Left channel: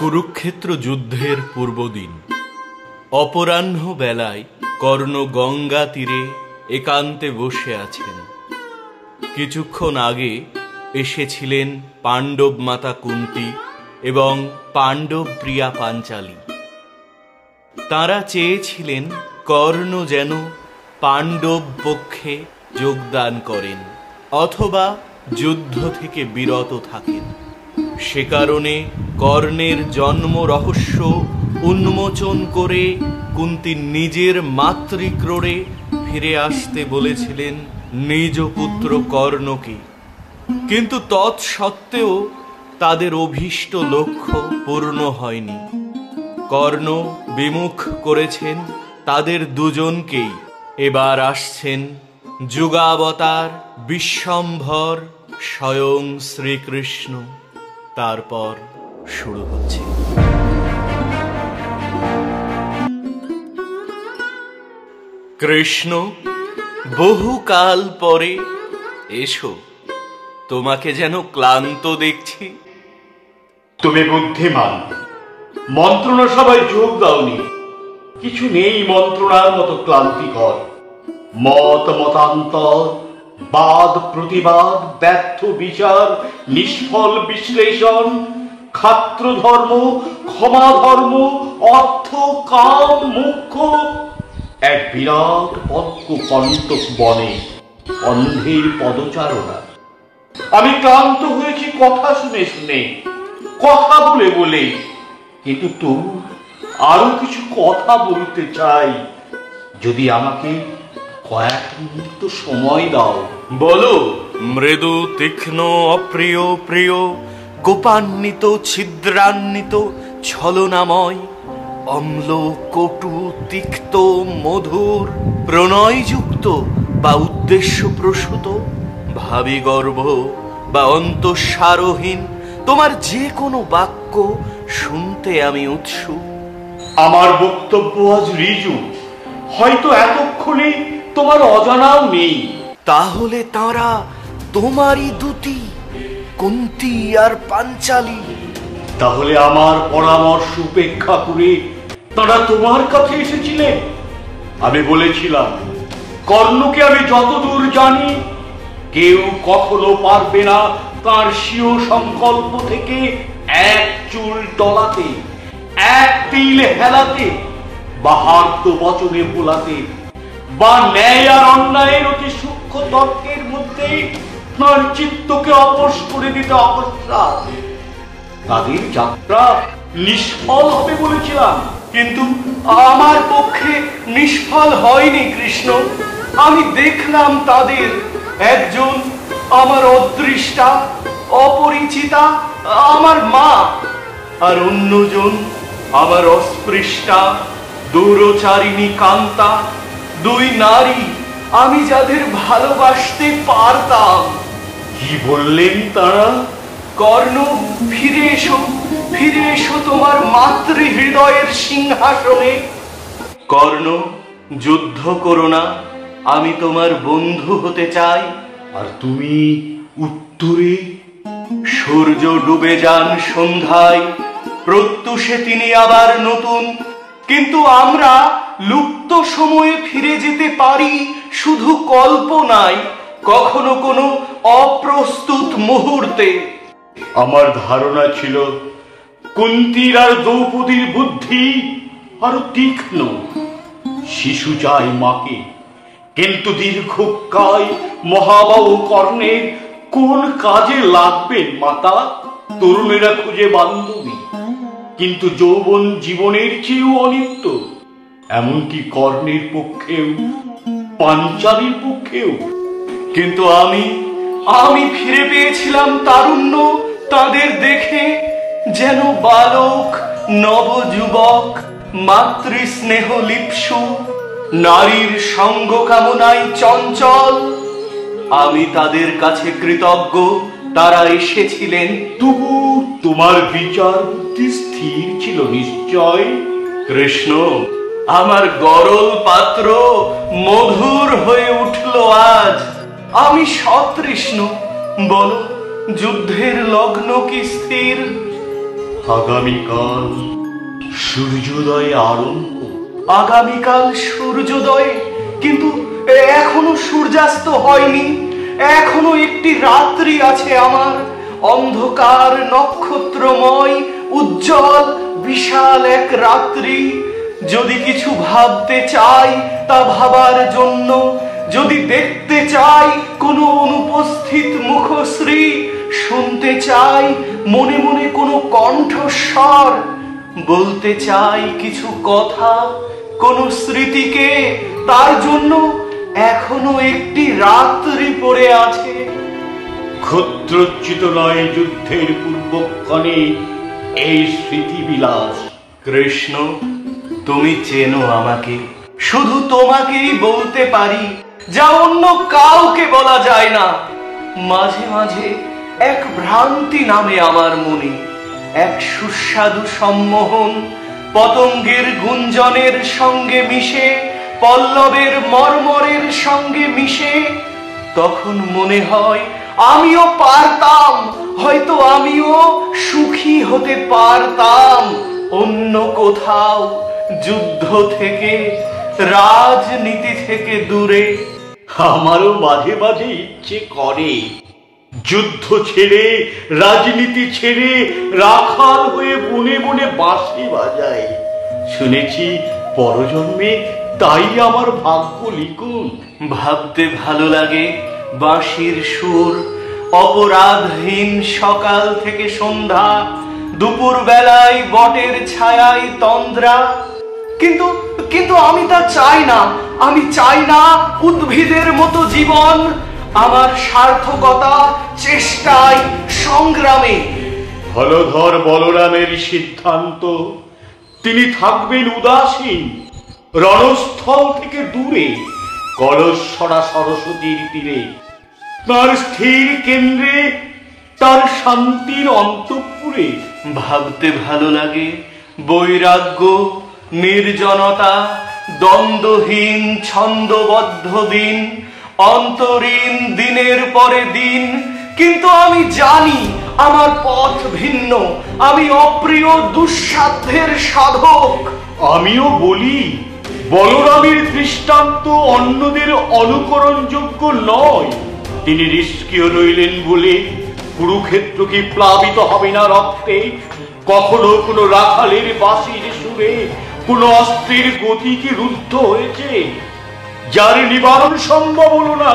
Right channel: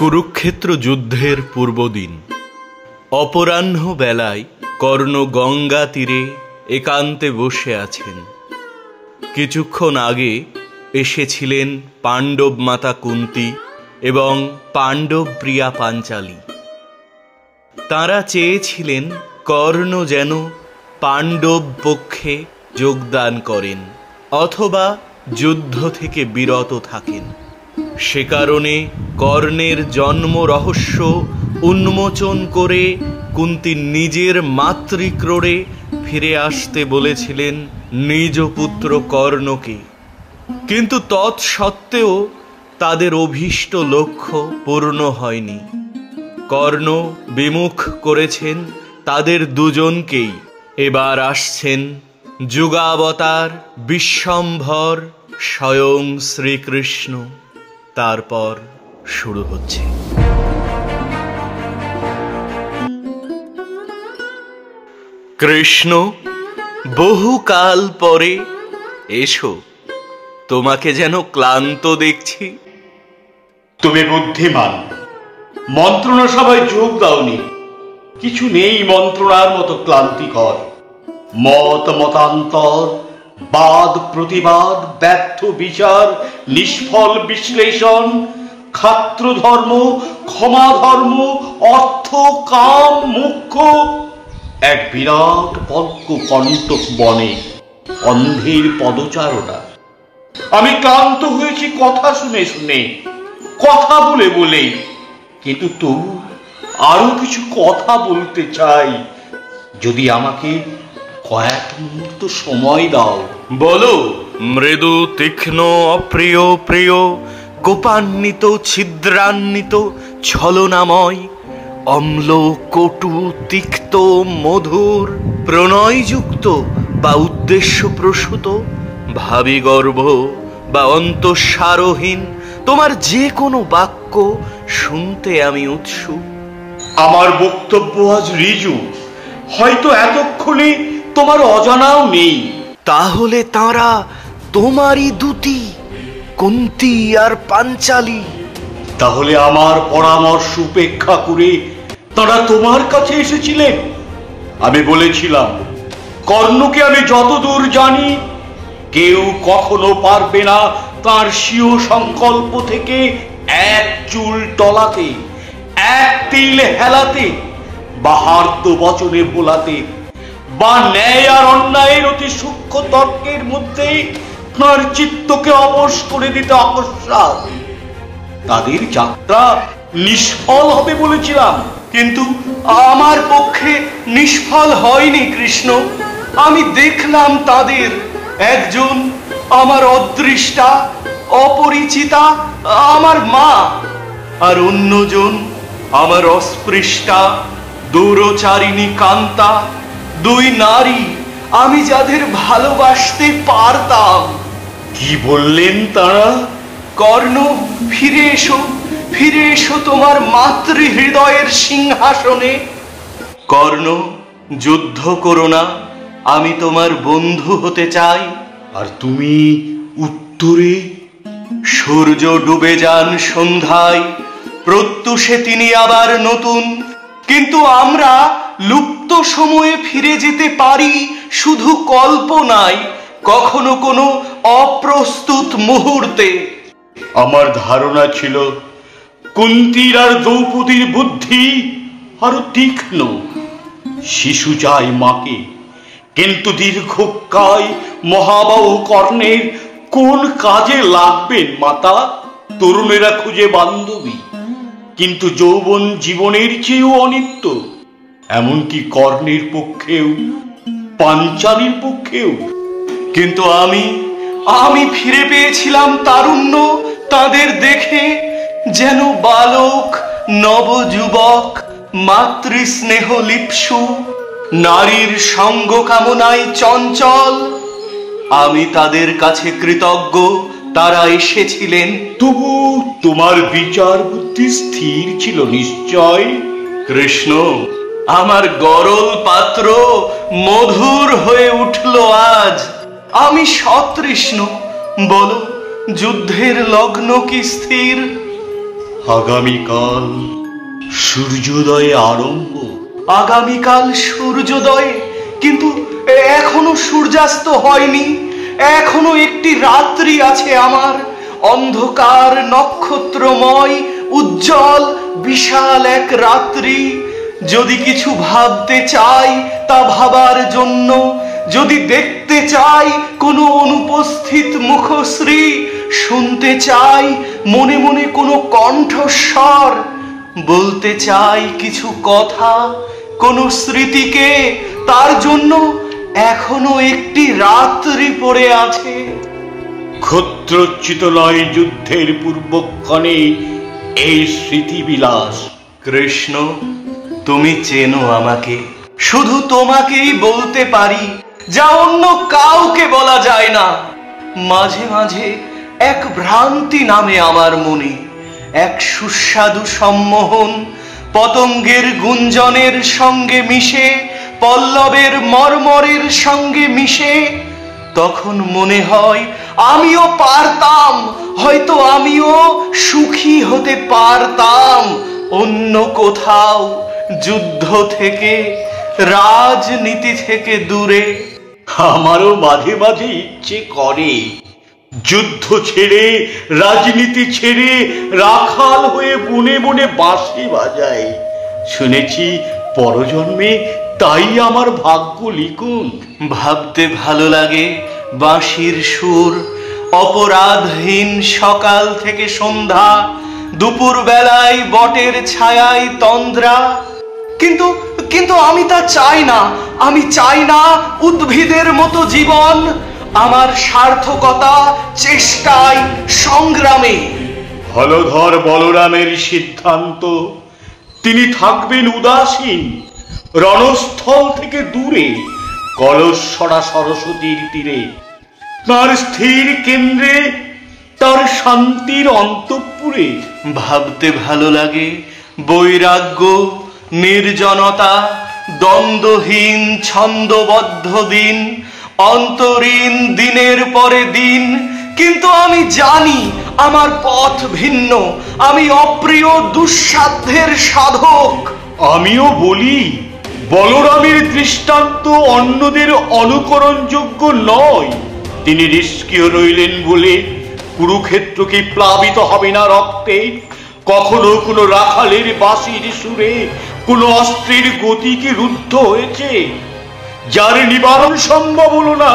কুরুক্ষেত্র যুদ্ধের পূর্বদিন অপরাহ্ন বেলায় কর্ণ গঙ্গা তীরে একান্তে বসে আছেন। কিছুক্ষণ আগে এসেছিলেন পাণ্ডব মাতা কুন্তী এবং পাণ্ডব প্রিয়া পাঞ্চালী। তারা চেয়েছিলেন কর্ণ যেন পাণ্ডব পক্ষে যোগদান করেন অথবা যুদ্ধ থেকে বিরত থাকেন। সে কারণে কর্ণের জন্ম রহস্য উন্মোচন করে কুন্তী নিজের মাতৃক্রোড়ে ফিরে আসতে বলেছিলেন নিজ পুত্র কর্ণকে। কিন্তু তৎসত্ত্বেও তাদের অভীষ্ট লক্ষ্য পূর্ণ হয়নি। কর্ণ বিমুখ করেছেন তাদের দুজনকেই। এবার আসছেন যুগাবতার বিশ্বম্ভর স্বয়ং শ্রীকৃষ্ণ। তারপর শুরু হচ্ছে কৃষ্ণ বহুকাল পরে এসো, তোমাকে যেন ক্লান্ত দেখছি। তুমি বুদ্ধিমান, মন্ত্রণা সবাই যোগ দাওনি। কিছু নেই মন্ত্রণার মতো ক্লান্তিকর। মত মতান্তর, বাদ প্রতিবাদ, ব্যর্থ বিচার, নিষ্ফল বিশ্লেষণ, ক্ষাত্র ধর্ম, ক্ষমা ধর্ম, অর্থ, কাম, মুখ্য, এক বিরাট পদ্ম কণ্টক বনে অন্ধের পদচারণা। আমি ক্লান্ত হয়েছি কথা শুনে শুনে, কথা বলে বলে। কিন্তু তবু আরো কিছু কথা বলতে চাই, যদি আমাকে কয়েক মুহূর্ত সময় দাও। বলো। মৃদু তীক্ষ্ণ অপ্রিয় প্রিয়, কোপান্বিত ছিদ্রান্বিত ছলনাময়, অম্ল কটু তিক্ত মধুর, প্রণয়যুক্ত বা উদ্দেশ্য প্রসূত, ভাবি গর্ভ বা অন্তঃসারহীন, তোমার যে কোনো বাক্য শুনতে আমি উৎসুক। আমার বক্তব্য আজ ঋজু, হয়তো এতক্ষণে তোমার অজানাও নেই। তাহলে তারা তোমারই দুটি, কুন্তী আর পাঞ্চালী। তাহলে আমার পরামর্শ উপেক্ষা করে তারা তোমার কাছে এসেছিলেন। আমি বলেছিলাম কর্ণকে আমি যতদূর জানি কেউ কখনো পারবে না তার স্বীয় সংকল্প থেকে এক চুল টলাতে, এক তিল হেলাতে, বা হার্দ বচনে ভোলাতে, বা ন্যায় আর অন্যায়ের অতি সূক্ষ্ম তর্কের মধ্যে তার চিত্তকে অবশ করে দিতে অকস্মাৎ। তাদের যাত্রা নিষ্ফল হবে বলেছিলাম, কিন্তু আমার পক্ষে নিষ্ফল হয়নি কৃষ্ণ। আমি দেখলাম তাদের একজন আমার অদৃষ্টা অপরিচিতা, আমার মা, আর অন্যজন আমার অস্পৃষ্টা দূরচারিণী কান্তা। দুই নারী আমি যাদের ভালোবাসতে পারতাম। কি বললেন তারা? কর্ণ, ফিরে এসো, ফিরে এসো তোমার মাতৃ হৃদয়ের সিংহাসনে। কর্ণ, যুদ্ধ করো না, আমি তোমার বন্ধু হতে চাই। আর তুমি উত্তরে? সূর্য ডুবে যান সন্ধ্যায়, প্রত্যুষে তিনি আবার নতুন। কিন্তু আমরা লুপ্ত সময়ে ফিরে যেতে পারি শুধু কল্পনায়, কখনো কোনো অপ্রস্তুত মুহূর্তে। আমার ধারণা ছিল কুন্তীর আর দ্রৌপদীর বুদ্ধি আরো তীক্ষ্ণ। শিশু চাই মাকে, কিন্তু দীর্ঘকায় মহাবাহু কর্ণের কোন কাজে লাগবেন মাতা? তরুণেরা খুঁজে বান্ধবী, কিন্তু যৌবন জীবনের চেয়েও অনিত্য। এমনকি কর্ণের পক্ষেও, পাঞ্চালীর পক্ষেও। কিন্তু আমি ফিরে পেয়েছিলাম তারুণ্য তাদের দেখে, যেন বালক নবযুবক মাতৃস্নেহ লিপ্সু, নারীর সঙ্গ কামনায় চঞ্চল। আমি তাদের কাছে কৃতজ্ঞ, তারা এসেছিলেন। তবু তোমার বিচার বুদ্ধি স্থির ছিল নিশ্চয়। কৃষ্ণ, আমার গরল পাত্র মধুর হয়ে উঠল আজ। আমি সতৃষ্ণ, বলো যুদ্ধের লগ্ন কি স্থির? আগামীকাল সূর্যোদয়ে আরম্ভ। আগামীকাল সূর্যোদয়, কিন্তু এখনো সূর্যাস্ত হয়নি। এখনো একটি রাত্রি আছে আমার, অন্ধকার নক্ষত্রময় উজ্জ্বল বিশাল এক রাত্রি। যদি কিছু ভাবতে চাই তা ভাবার জন্য, যদি দেখতে চাই কোনো অনুপস্থিত মুখশ্রী, শুনতে চাই মনে মনে কোনো কণ্ঠস্বর, বলতে চাই কিছু কথা কোন স্মৃতিকে, তার জন্য এখনো একটি রাত্রি পড়ে আছে। ক্ষত্রোচ্চিত নয় যুদ্ধের পূর্বক্ষণে এই স্মৃতিবিলাস। কৃষ্ণ, তুমি চেনো আমাকে, শুধু তোমাকেই বলতে পারি যা অন্য কাউকে বলা যায় না। মাঝে মাঝে এক ভ্রান্তি নামে আমার মনে, এক সুস্বাদু সম্মোহন পতঙ্গের গুঞ্জনের সঙ্গে মিশে, পল্লবের মর্মরের সঙ্গে মিশে। তখন মনে হয় আমিও পারতাম, হয়তো আমিও সুখী হতে পারতাম অন্য কোথাও, যুদ্ধ থেকে, রাজনীতি থেকে দূরে। আমারও মাঝে মাঝে ইচ্ছে করে যুদ্ধ ছেড়ে, রাজনীতি ছেড়ে রাখাল হয়ে বনে বনে বাঁশি বাজাই। শুনেছি পরজন্মে তাই আমার ভাগ্য লিখুন। ভাবতে ভালো লাগে বাঁশির সুর, অপরাধহীন সকাল থেকে সন্ধ্যা, দুপুর বেলায় বটের ছায়ায় তন্দ্রা। কিন্তু কিন্তু আমি তা চাই না। আমি চাই না উদ্ভিদের মতো জীবন। আমার সার্থকতা চেষ্টায়, সংগ্রামে। হলধর বলরামের সিদ্ধান্ত, তিনি থাকবেন উদাসীন, রণস্থল থেকে দূরে, কলসরা সরস্বতীর তীরে। তার স্থির কেন্দ্রে, তার শান্তির অন্তঃপুরে। ভাবতে ভালো লাগে বৈরাগ্য, নির্জনতা, দ্বন্দ্বহীন ছন্দবদ্ধ দিন, অন্তরীণ দিনের পরে দিন। কিন্তু আমি জানি আমার পথ ভিন্ন, আমি অপ্রিয় দুঃসাধ্যের সাধক। আমিও বলি বলরামের দৃষ্টান্ত অন্যদের অনুকরণযোগ্য নয়। তিনি নিষ্ক্রিয় রইলেন বলে কুরুক্ষেত্র কি প্লাবিত হবে না রক্তে? কখনো কোনো রাখালের বাঁশির সুরে কোন অস্ত্রের গতি কি রুদ্ধ হয়েছে? যার নিবারণ সম্ভব হলো না,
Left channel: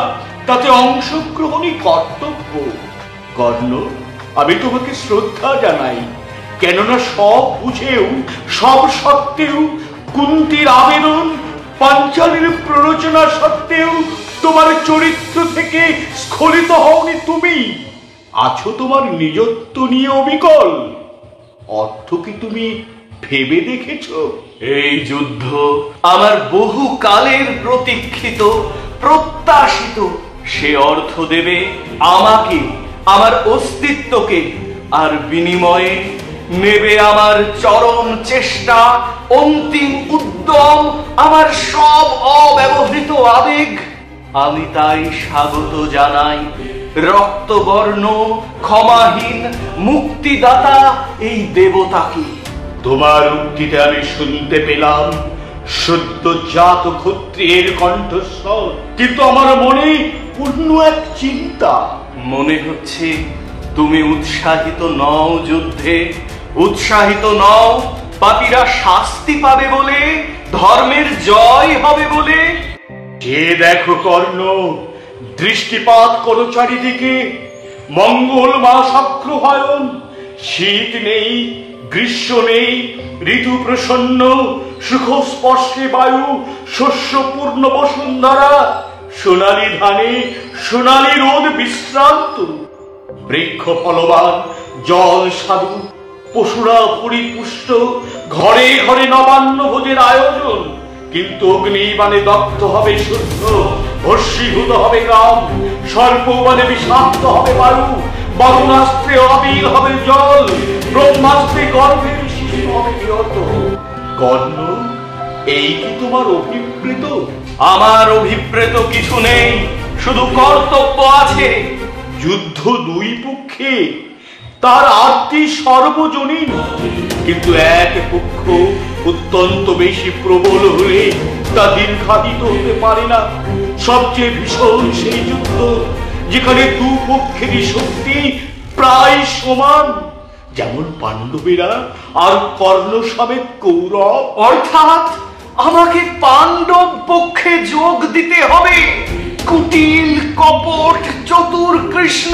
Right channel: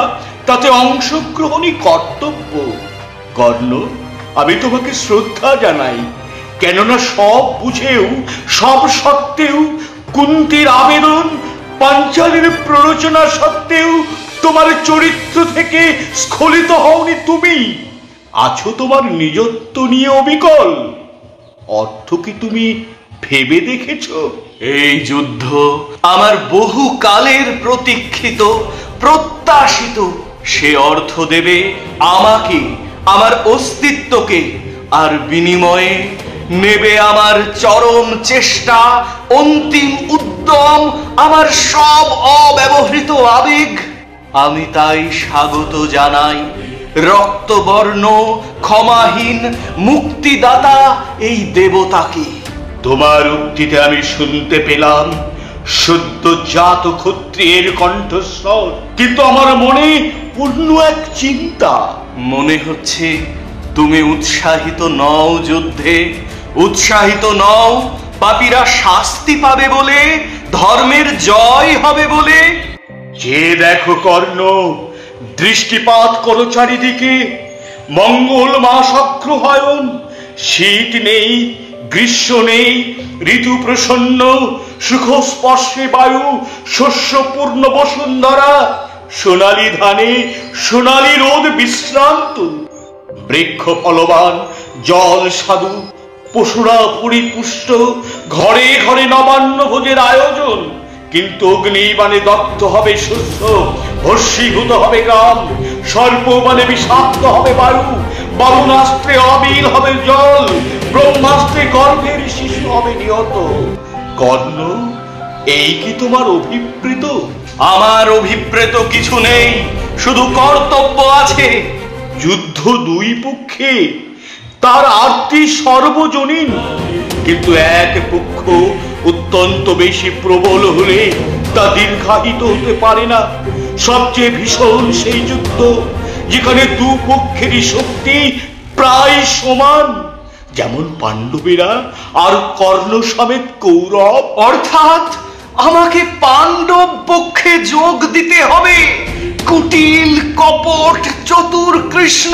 তাতে অংশগ্রহণই কর্তব্য। কর্ণ, আমি তোমাকে শ্রদ্ধা জানাই, কেননা সব বুঝেও, সব সত্ত্বেও, কুন্তির আবেদন, পাঞ্চালীর প্ররোচনা সত্ত্বেও তোমার চরিত্র থেকে স্খলিত হওনি তুমি। আছো তোমার নিজত্ব নিয়ে অবিকল। অর্থ কি তুমি ভেবে দেখেছ? এই যুদ্ধ আমার বহু কালের প্রতীক্ষিত, প্রত্যাশিত। সে অর্থ দেবে আমাকে, আমার অস্তিত্বকে, আর বিনিময়ে নেবে আমার চরম চেষ্টা, অন্তিম উদ্যম, আমার সব অব্যবহৃত আবেগ। আমি তাই স্বাগত জানাই রক্তবর্ণ ক্ষমাহীন মুক্তিদাতা এই দেবতাকে। তোমার উক্তিতে আমি শুনতে পেলাম সদ্যজাত ক্ষত্রিয়ের কণ্ঠস্বর, কিন্তু আমার মনে পূর্ণ এক চিন্তা। মনে হচ্ছে তুমি উৎসাহিত নও যুদ্ধে, উৎসাহিত নও পাপীরা শাস্তি পাবে বলে, ধর্মের জয় হবে বলে। যে দেখো কর্ণ, দৃষ্টিপাত করো চারিদিকে। মঙ্গল মাস অগ্রহায়ণ, শীত নেই, গ্রীষ্ম নেই, ঋতু প্রসন্ন, সুখস্পর্শে বায়ু, শস্যপূর্ণ বসুন্ধরা, সোনালী ধানে সোনালী রোদ বিশ্রান্ত, বৃক্ষ ফলবান, জল সাধু, পশুরা পরিপুষ্ট, ঘরে ঘরে নবান্ন ভোজের আয়োজন। কিন্তু অগ্নিবাণে দগ্ধ হবে শুদ্ধ, ভস্মীভূত হবে গ্রাম, সর্পবাণে বিষাক্ত হবে বায়ু, বামনাস্ত্রে অবিল হবে জল, ব্রহ্মাস্ত্রে গর্ভের শিশু হবে নিহত। কর্ণ, এই কি তোমার অভিপ্রেত? আমার অভিপ্রেত কিছু নেই, শুধু কর্তব্য আছে। যুদ্ধ দুই পক্ষে, তার আরতি সর্বজনীন। কিন্তু এক পক্ষ অত্যন্ত বেশি প্রবল হলে তা দীর্ঘায়িত হতে পারে না। সবচেয়ে ভীষণ সেই যুদ্ধ যেখানে দুপক্ষেরই শক্তি প্রায় সমান, যেমন পাণ্ডবেরা আর কর্ণ সমেত কৌরব। অর্থাৎ আমাকে পাণ্ডব পক্ষে যোগ দিতে হবে। কুটিল কপট চতুর কৃষ্ণ,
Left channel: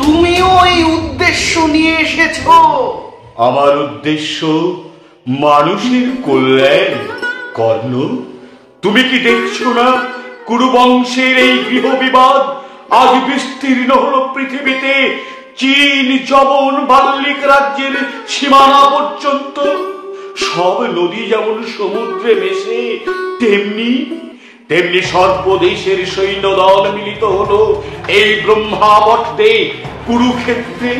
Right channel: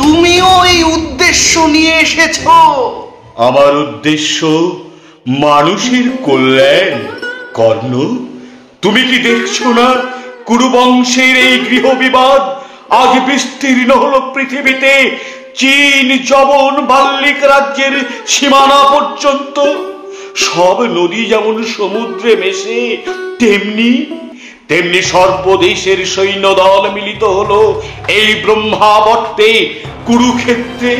তুমিও এই উদ্দেশ্য নিয়ে এসেছ। আমার উদ্দেশ্য মানুষের কল্যাণ। কর্ণ, তুমি কি দেখছো না কুরুবংশের এই গৃহ বিবাদ আজ বিস্তীর্ণ হলো পৃথিবীতে, চীন যবন বাল্লিক রাজ্যের সীমানা পর্যন্ত। সব নদী যেমন সমুদ্রে মেশে, তেমনি তেমনি সর্বদেশের সৈন্য দল মিলিত হলো এই ব্রহ্মাবর্তে কুরুক্ষেত্রে।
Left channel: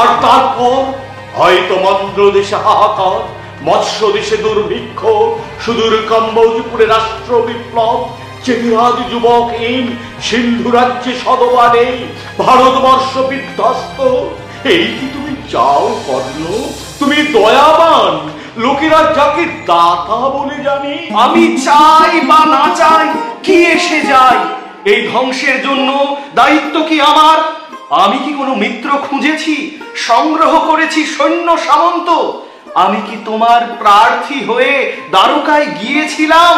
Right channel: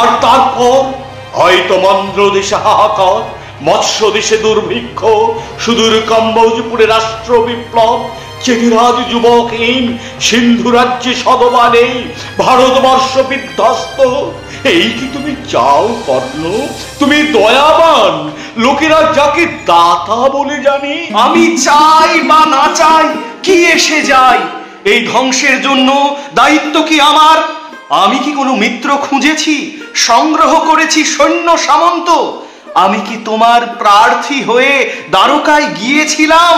আর তারপর হয়তো মন্দ্র দেশে হাহাকার, মৎস্য দেশে দুর্ভিক্ষ, সুদূর কম্বোজপুরে রাষ্ট্র বিপ্লব, চেতিরাজ যুবকহীন সিন্ধু রাজ্যে সদবা নেই, ভারতবর্ষ বিধ্বস্ত। এই কি তুমি চাও কর্ণ? তুমি দয়াবান, লোকেরা যাকে দাতা বলে জানে। আমি চাই বা না চাই কি এসে যায়? এই ধ্বংসের জন্য দায়িত্ব কি আমার? আমি কি কোনো মিত্র খুঁজেছি, সংগ্রহ করেছি সৈন্য সামন্ত? আমি কি তোমার প্রার্থী হয়ে দ্বারকায় গিয়েছিলাম?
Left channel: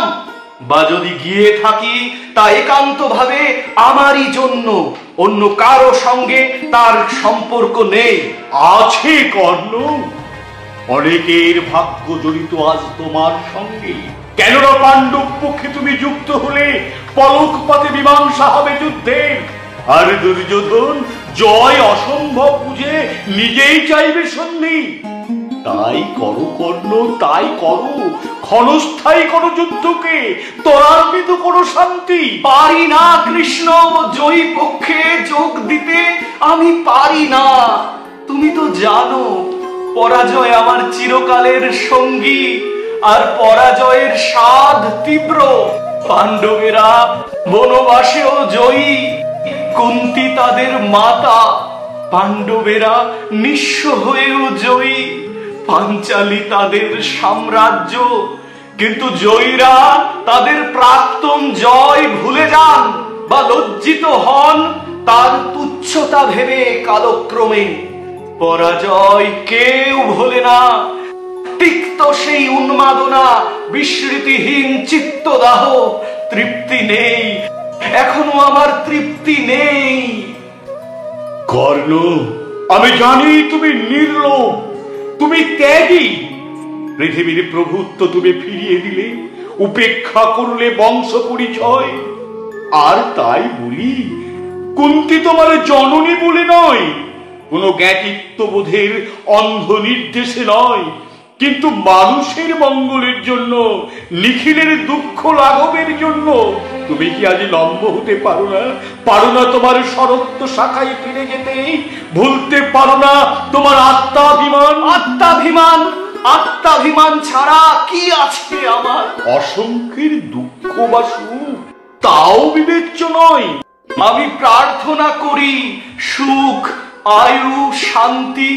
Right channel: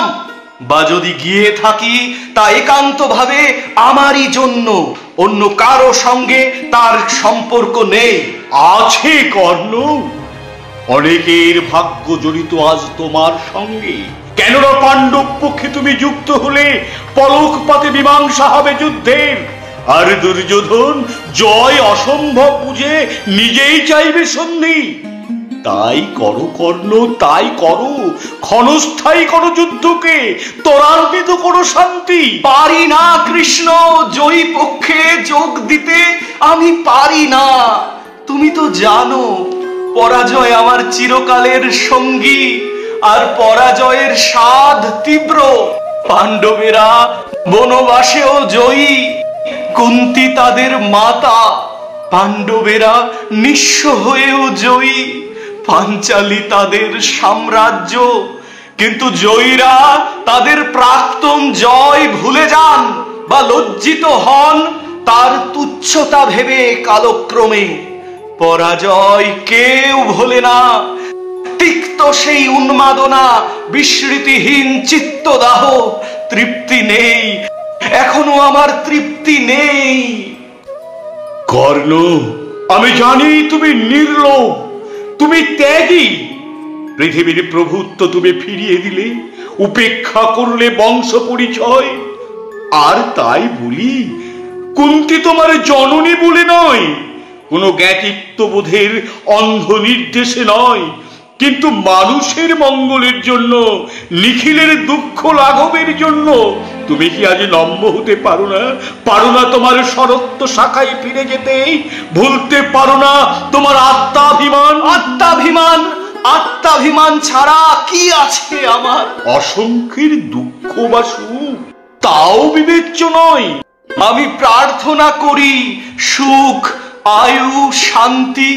বা যদি গিয়ে থাকি তা একান্ত ভাবে আমারই জন্য, অন্য কারো সঙ্গে তার সম্পর্ক নেই। আছে কর্ণ, অনেকের ভাগ্য জড়িত আজ তোমার সঙ্গে। কেননা পাণ্ডব পক্ষে তুমি যুক্ত হলে পলকপাতে মীমাংসা হবে যুদ্ধের। আর দুর্যোধন জয় অসম্ভব বুঝে নিজেই চাইবে সন্ধি। তাই করো কর্ণ, তাই করো, ক্ষণস্থায়ী করো যুদ্ধকে, ত্বরান্বিত করো শান্তি। পারি না কৃষ্ণ, জয়ী পক্ষে যোগ দিতে আমি পারি না। তুমি তো জানো পরাজয় আমার চিরকালের সঙ্গী, আর পরাজয়ের স্বাদ তীব্র। পাণ্ডবেরা বনবাসেও জয়ী, কুন্তী তাদের মাতা। পাণ্ডবেরা নিঃস্ব হয়েও জয়ী, পাঞ্চালী তাদের সাম্রাজ্য। কিন্তু জয়ীরা তাদের প্রাক্তন জয় ভুলে যান বা লজ্জিত হন তার তুচ্ছতা ভেবে কালক্রমে। পরাজয় কেউ ভোলে না। তিক্ত সেই উন্মাদনা, বিস্মৃতিহীন চিত্তদাহ, তৃপ্তি নেই, এখনো আমার তৃপ্তি নেই। কর্ণ, আমি জানি তুমি নির্লোভ, তুমি ত্যাগী। পৃথিবীর প্রভুত্ব তুমি ফিরিয়ে দিলে, উপেক্ষা করলে বংশ পরিচয়। আর তাই বলি, কুন্তী তোমার জননী বলে নয়, কোনো জ্ঞাতিত্ববোধের অন্ধ নির্দেশে নয়, কিন্তু মানুষের মঙ্গলের জন্য, নিখিলের দুঃখ লাঘবের জন্য। তুমি কি আজ নম্য হতে পারো না? পারো না তোমার শরত্ব শাখায় ফিরে যেতে? ভুলতে পারো না তোমার আত্মাভিমান? আত্মাভিমান, আত্মাভিমান ছাড়া কি আছে আমার? অসংখ্যের দুঃখ বা সুখ তাও বিবেচ্য নয়। আমি প্রার্থনা করি সুখ, আয়ু, শান্তি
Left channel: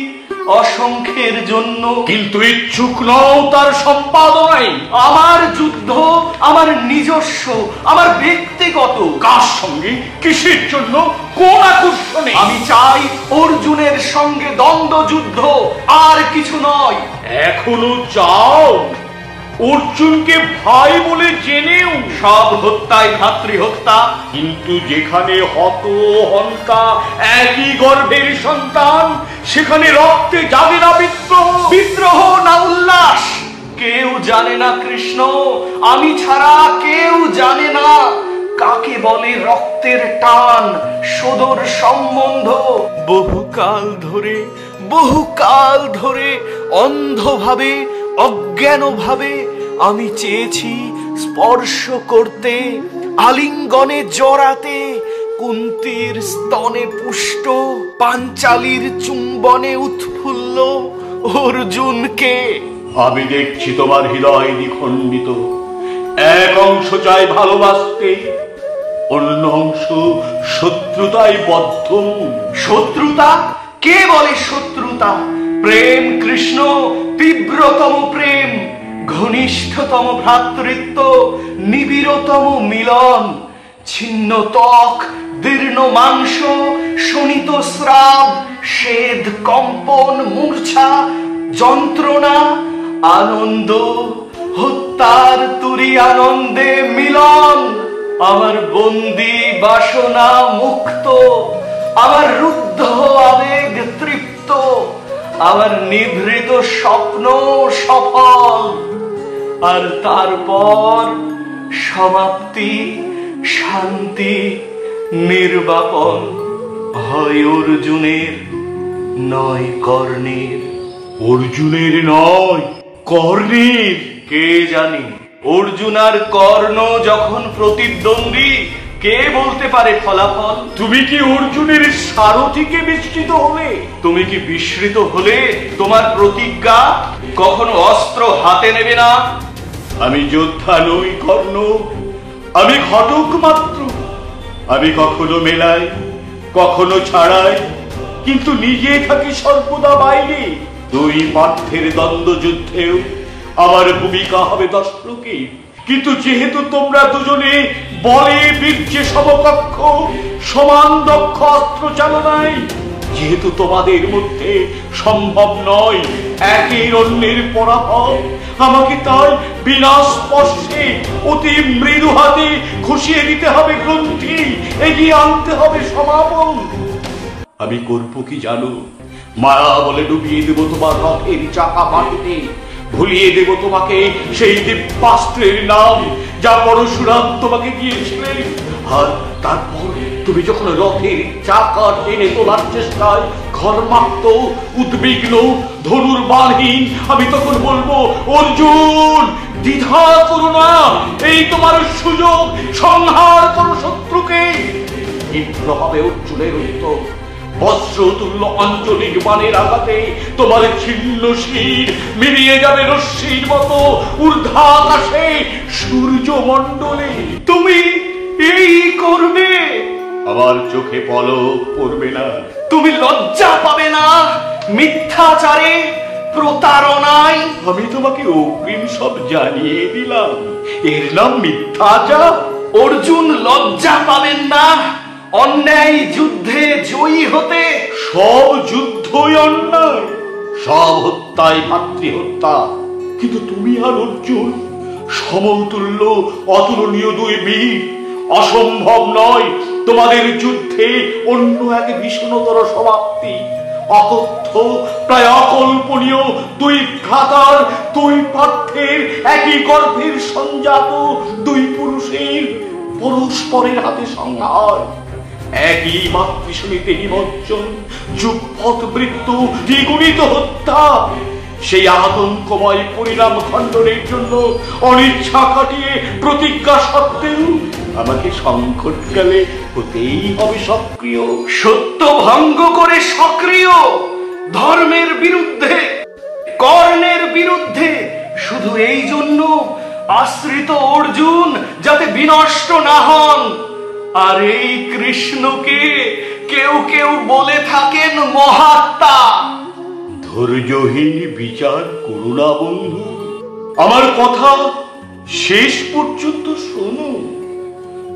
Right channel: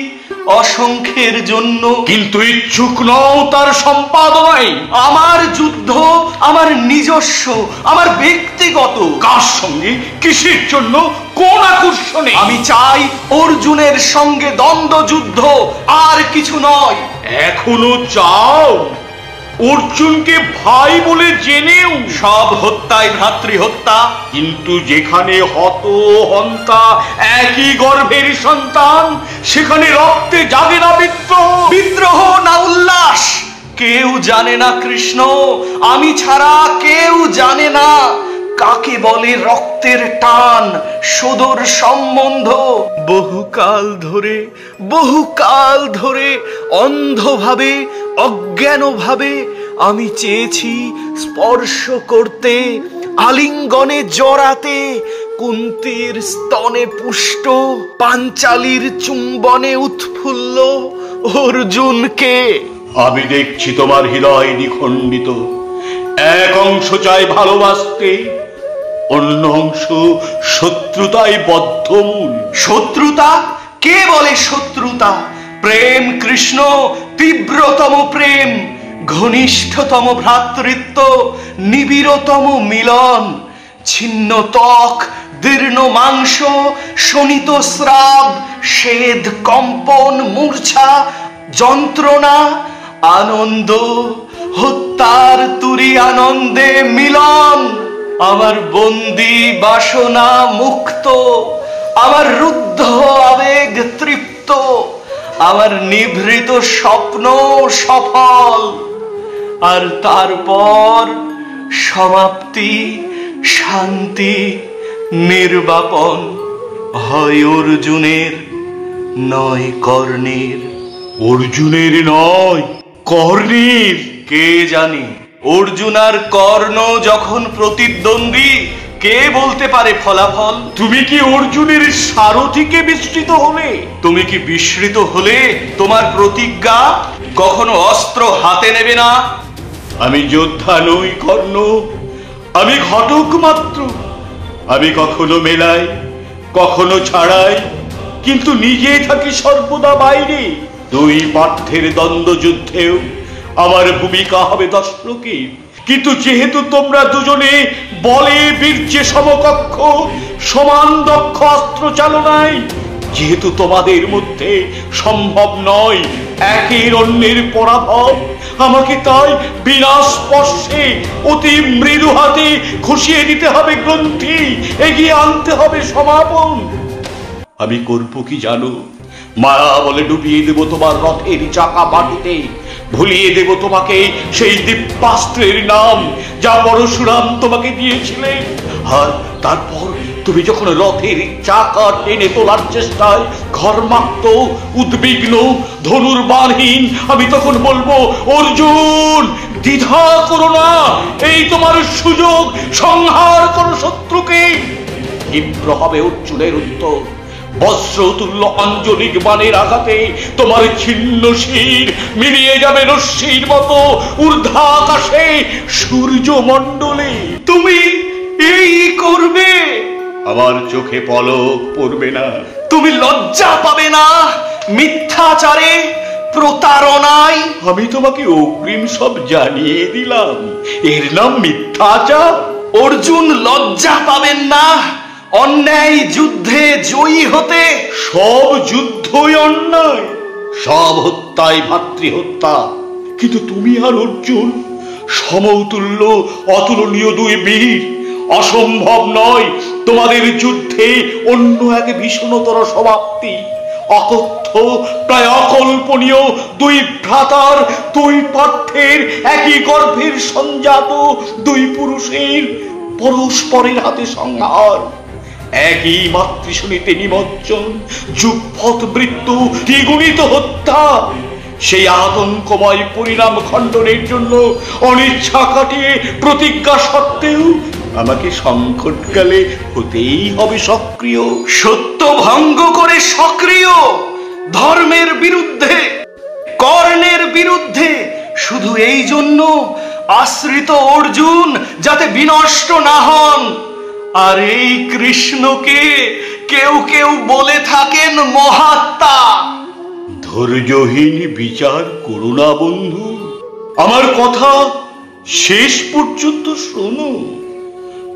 অসংখ্যের জন্য, কিন্তু ইচ্ছুক নও তার সম্পাদনায়। আমার যুদ্ধ আমার নিজস্ব, আমার ব্যক্তিগত। কার সঙ্গে, কিসের জন্য, কোন আকর্ষণে? আমি চাই অর্জুনের সঙ্গে দ্বন্দ্ব যুদ্ধ, আর কিছু নয়। এখনো চাও? অর্জুনকে ভাই বলে জেনেও সব হত্যায় ভ্রাতৃহত্যা। কিন্তু যেখানে হত হন্তা একই গর্ভের সন্তান, সেখানে রক্তে জাগে না বিদ্রোহ? বিদ্রোহ না উল্লাস? কেউ জানে না কৃষ্ণ, আমি ছাড়া কেউ জানে না কাকে বলে রক্তের টান, সুদূর সম্বন্ধ। বহুকাল ধরে অন্ধভাবে, অজ্ঞানভাবে আমি চেয়েছি স্পর্শ করতে, আলিঙ্গনে জড়াতে, কুন্তীর স্তনে পুষ্ট, পাঞ্চালীর চুম্বনে উৎফুল্ল অর্জুনকে। আমি দেখছি তোমার হৃদয় নিখণ্ডিত। এক অংশ চায় ভালোবাসতে, অন্য অংশ শত্রুতায় বদ্ধমূল। শত্রুতা? কে বলে শত্রুতা? প্রেম কৃষ্ণ, তীব্রতম প্রেম, ঘনিষ্ঠতম ভ্রাতৃত্ব, নিবিড়তম মিলন। ছিন্ন ত্বক, দীর্ণ মাংস, শোণিত স্রাব, স্বেদ, কম্পন, মূর্ছা, যন্ত্রণা, আনন্দ, হত্যার তুরি আনন্দে মিলন। আমার বন্দি বাসনা মুক্ত, আমার রুদ্ধ আবেগ তৃপ্ত, আমার নিভৃত স্বপ্ন সফল। আর তারপর সমাপ্তি, শান্তি, নির্বাপন। হয় অর্জুনের, নয় কর্ণের। অর্জুনের নয়, কর্ণের। কে জানি, অর্জুন আর কর্ণ যখন প্রতিদ্বন্দ্বী, কে বলতে পারে ফলাফল? তুমি কি অর্জুনের সারথিকে বিস্মৃত হলে? তুমি কি বিস্মৃত হলে তোমার প্রতিজ্ঞা কখনো অস্ত্র হাতে নেবে না? আমি যোদ্ধা নই কর্ণ, আমি ঘটক মাত্র। আমি কখনো মেলাই, কখনো ছাড়াই, কিন্তু নিজে থাকি সর্বদা বাইরে। দুই পার্থের দ্বন্দ্ব যুদ্ধেও আমার ভূমিকা হবে দর্শকে। কিন্তু যেহেতু তোমরা দুজনে বলে বীর্যে সমকক্ষ, সমান দক্ষ অস্ত্র চালনায়, যেহেতু তোমাদের মধ্যে সম্ভব নয় একের অন্যের পরাভব, আমাকে তাই বিনা স্পর্শে অতি মৃদু হাতে খুশিয়ে দিতে হবে গ্রন্থি, এগিয়ে আনতে হবে সমাপন। আমি করবো কি জানো? মায়া বলে ডুবিয়ে দেব তোমার রথের চাকা মাটিতে, ভুলিয়ে দেব তোমাকে সেই দিব্যাস্ত্রের নাম যা পরশুরাম তোমাকে দিয়েছিলেন। আর তারপর তুমি যখন রথের চাকা টেনে তোলার চেষ্টায় ঘর্মাক্ত, উদ্বিগ্ন, ধনুর্বাণহীন, আমি তখন বলবো, অর্জুন দ্বিধা করো না, এই তোমার সুযোগ, সংহার করো শত্রুকে। তীব্র হবে অর্জুনের উত্তর। বস্ত্রতুল্য আঞ্জলিক বাণের আঘাতে তোমার ছিন্ন শির মিলিয়ে যাবে রশ্মির মতো ঊর্ধ্বাকাশে সূর্যমণ্ডলে। তুমি এই করবে? আমার চোখে পলক পড়বে না? তুমি লজ্জা পাবে না মিথ্যাচারে, প্রতারণায়? আমি তোমাকে অগ্রিম সব জানিয়ে দিলাম, এর নাম মিথ্যাচার। অর্জুন লজ্জা পাবেন না অন্যায় যুদ্ধে জয়ী হতে? সব যুদ্ধই অন্যায়, সব হত্যাই ভাতৃহত্যা। কিন্তু তুমি আর অর্জুন সমতুল্য অতুলনীয় দুই বীর। অসম্ভব নয় তোমাদের যুদ্ধে অন্য এক ভীষণতর সমাপ্তি। অতথ্য, প্রায় অকল্পনীয় দুই ভ্রাতার, দুই পার্থের, একই গর্ভের সঞ্জাত দুই পুরুষের পরস্পরের হাতে সংহার, একই মাতৃশূনিতে নিমজ্জন, যুগপৎ মৃত্যু, দ্বিগুণিত হত্যা। সেই আতঙ্কময় পরিণাম খণ্ডনের জন্য অনিচ্ছা কাটিয়ে প্রতিজ্ঞা সত্ত্বেও আমাকে সংকটকালে হতেই হবে সক্রিয়। সত্য ভঙ্গ করে সক্রিয়, ধর্মের বিরুদ্ধে, কর্ণের বিরুদ্ধে, শুধু এই জন্য আশ্রিত অর্জুন যাতে বিনষ্ট না হন। আর এই কৃষ্ণকে কেউ কেউ বলে থাকেন মহাত্মা। ধৈর্যহীন বিচার করো না বন্ধু, আমার কথা শেষ পর্যন্ত শোনো।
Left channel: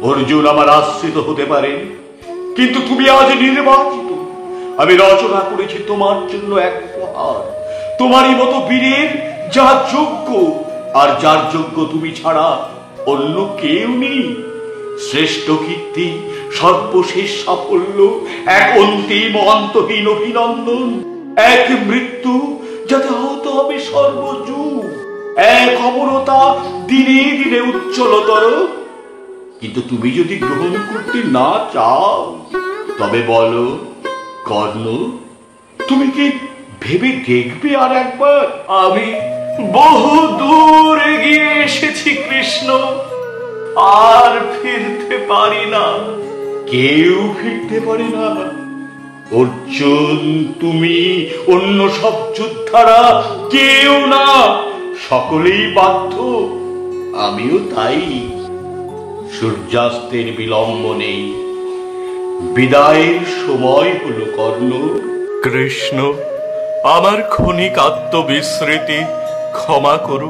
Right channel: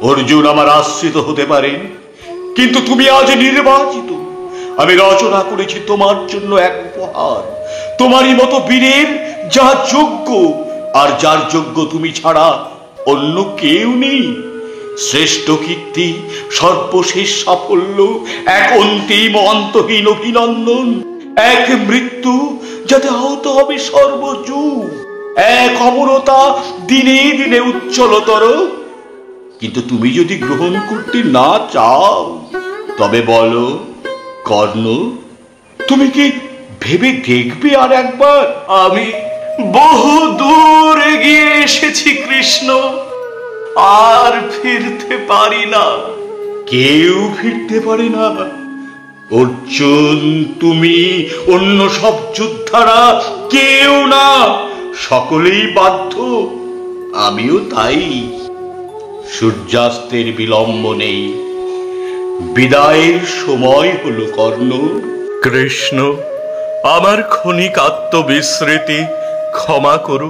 অর্জুন আমার আশ্রিত হতে পারে, কিন্তু তুমি আজ নির্বাচিত। আমি রচনা করেছি তোমার জন্য এক উপহার, তোমারই মতো বীরের যা যোগ্য, আর যার যোগ্য তুমি ছাড়া অন্য কেউ নেই। শ্রেষ্ঠ কীর্তি, সর্বশেষ সাফল্য, এক অন্তিম অন্তহীন অভিনন্দন, এক মৃত্যু যাতে হতে হবে সর্বযুগ, এক অমরতা দিনে দিনে উজ্জ্বলতর। কিন্তু তুমি যদি গ্রহণ করতে না চাও, তবে বলো কর্ণ, তুমি কি ভেবে দেখবে আর একবার? আমি বহু দূর এগিয়ে এসেছি কৃষ্ণ, আর ফিরতে পারি না। কেউ ফিরতে পারে না। অর্জুন, তুমি, অন্য সব যোদ্ধারা কেউ না, সকলেই বাধ্য, আমিও তাই। সূর্যাস্তের বিলম্ব নেই, বিদায়ের সময় হলো কর্ণ। কৃষ্ণ, আমার ক্ষণিক আত্মবিস্মৃতি ক্ষমা করু।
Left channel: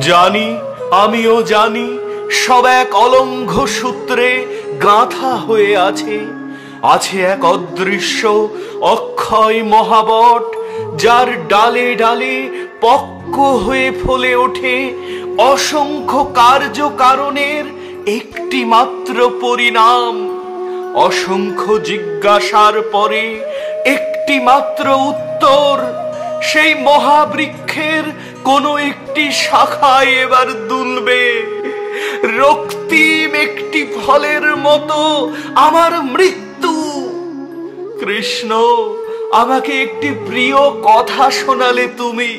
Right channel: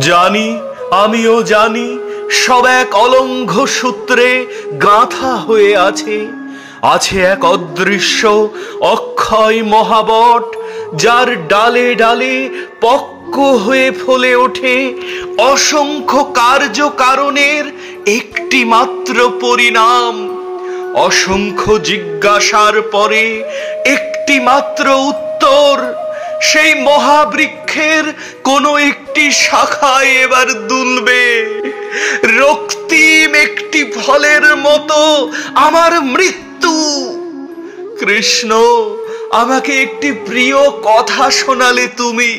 জানি, আমিও জানি, সব এক অলঙ্ঘ সূত্রে গাঁথা হয়ে আছে। আছে এক অদৃশ্য অক্ষয় মহাবট, যার ডালে ডালে পক্ক হয়ে ফলে ওঠে অসংখ্য কার্য কারণের একটি মাত্র পরিণাম। অসংখ্য জিজ্ঞাসার পরে একটি মাত্র উত্তর। সেই মহাবৃক্ষের কোনো একটি শাখায় এবার দুলবে রক্তিম একটি ফলের মতো আমার মৃত্যু। কৃষ্ণ, আমাকে একটি প্রিয় কথা শোনালে তুমি।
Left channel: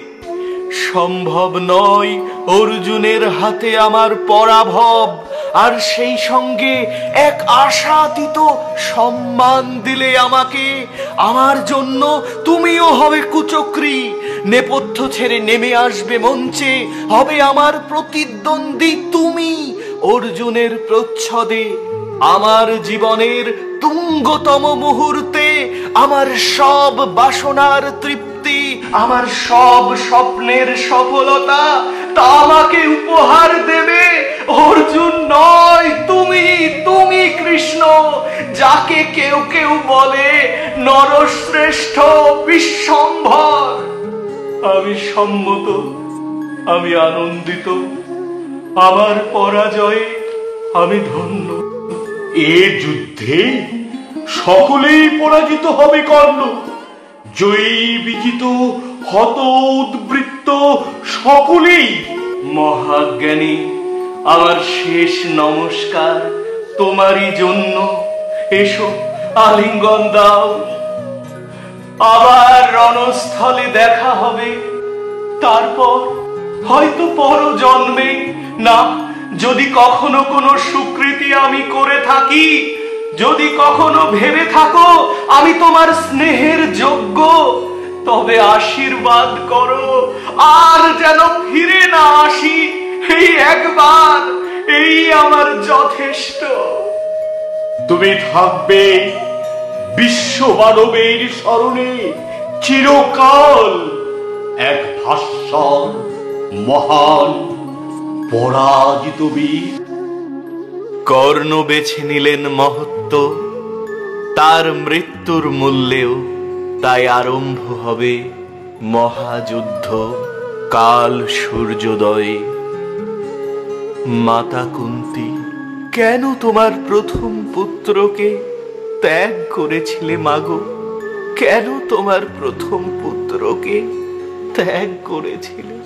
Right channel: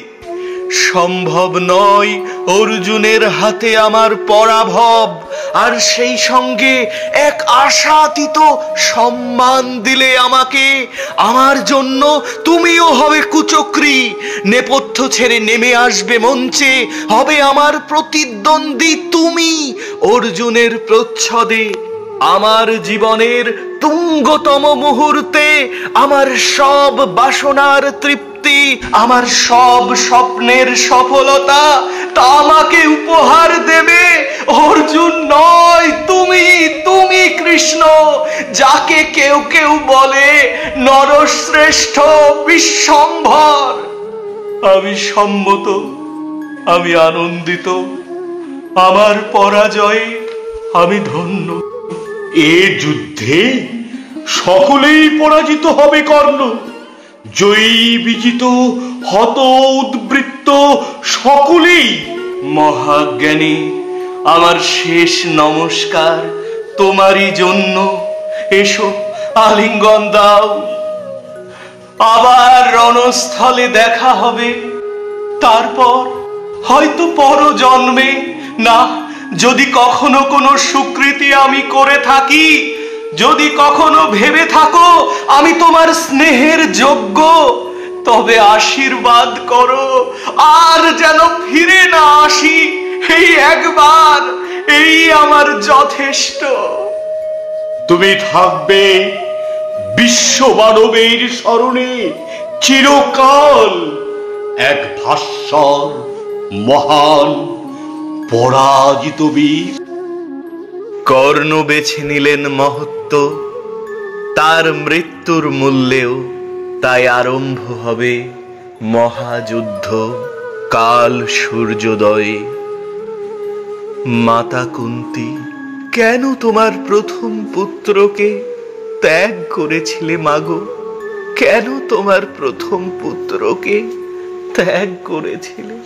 সম্ভব নয় অর্জুনের হাতে আমার পরাভব, আর সেই সঙ্গে এক আশাতীত সম্মান দিলে আমাকে। আমার জন্য তুমিও হবে কুচক্রী, নেপথ্য ছেড়ে নেমে আসবে মঞ্চে, হবে আমার প্রতিদ্বন্দ্বী তুমি অর্জুনের প্রচ্ছদে। আমার জীবনের তুঙ্গতম মুহূর্তে আমার সব বাসনার তৃপ্তি, আমার সব স্বপ্নের সফলতা তা আমাকে উপহার দেবে অর্জুন নয়, তুমি। তুমি কৃষ্ণ, যাকে কেউ কেউ বলে নরশ্রেষ্ঠ, বিশ্বম্ভর। আমি সম্মত, আমি আনন্দিত, আমার পরাজয়ে আমি ধন্য। এ যুদ্ধে সকলেই পরাজিত হবে কর্ণ। জয়ী বিজিত হত উদ্বৃত্ত সকলেই। মহাজ্ঞানী, আমার শেষ নমস্কার তোমারই জন্য। এসো, আলিঙ্গন দাও। আবার রণস্থলে দেখা হবে, তারপর হয়তো পরজন্মে। না, যদি কখনো কোনো সুকৃতি আমি করে থাকি, যদি কখনো ভেবে থাকো আমি তোমার স্নেহের যোগ্য, তবে আশীর্বাদ করো আর যেন ফিরে না আসি। এই একবার, এই আমার যথেষ্ট। তুমি থাকবে বিশ্ব মানবের স্মরণে চিরকাল এক ভাস্বর মহান পরাজিত বীর। কর্ণ বেছে নিলেন মহত্ব, তার মৃত্যুর মূল্যেও তাই আরম্ভ হবে মহাযুদ্ধ কাল সূর্যোদয়ে। মাতা কুন্তী, কেন তোমার প্রথম পুত্রকে ত্যাগ করেছিলে মাগো? কেন তোমার প্রথম পুত্রকে ত্যাগ করেছিলে?